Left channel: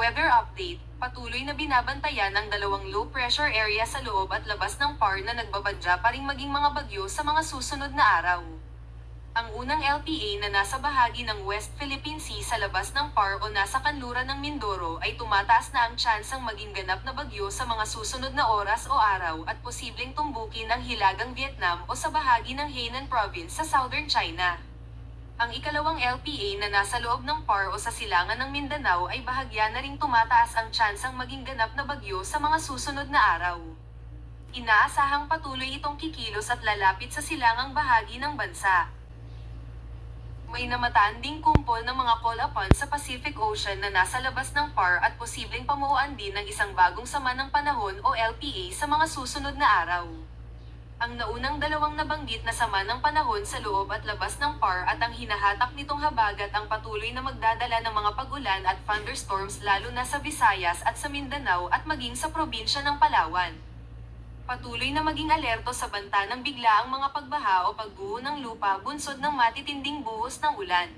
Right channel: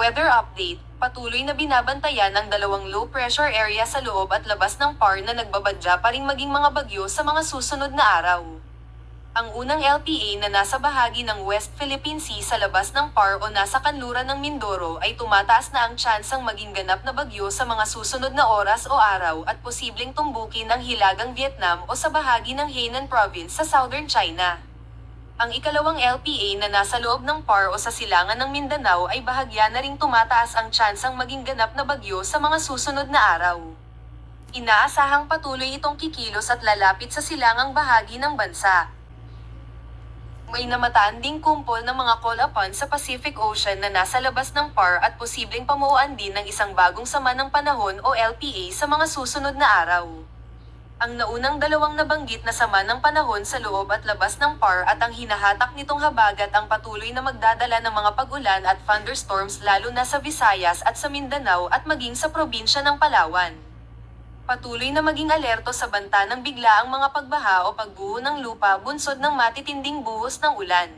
Weather update, patuloy na binabantayan ang dalawang low pressure area sa loob at labas ng PAR na nagbabadya pa ring maging mga bagyo sa mga susunod na araw. Ang unang LPA na nasa bahagi ng West Philippine Sea sa labas ng PAR o nasa kanluran ng Mindoro ay tumataas na ang tsansang maging ganap na bagyo sa mga susunod na oras o araw at posibleng tumbukin ang hilagang Vietnam o sa bahagi ng Hainan Province sa southern China. Ang ikalawang LPA na nasa loob ng PAR o sa silangan ng Mindanao ay bahagya na ring tumataas ang tsansang maging ganap na bagyo sa mga susunod na araw. Inaasahang patuloy itong kikilos at lalapit sa silangang bahagi ng bansa. May namataan ding kumpol ng mga call-upon sa Pacific Ocean na nasa labas ng PAR at posibleng pamuuan din ng isang bagong sama ng panahon o LPA sa mga susunod na araw. Ang naunang dalawang nabanggit na sama ng panahon sa loob at labas ng PAR at ang hinahatak nitong habagat ang patuloy na magdadala ng mga pag-ulan at thunderstorms lalo na sa Visayas at sa Mindanao at maging sa probinsya ng Palawan. Patuloy na maging alerto sa banta ng biglaang mga pagbaha o pagguho ng lupa bunsod ng matitinding buhos ng ulan.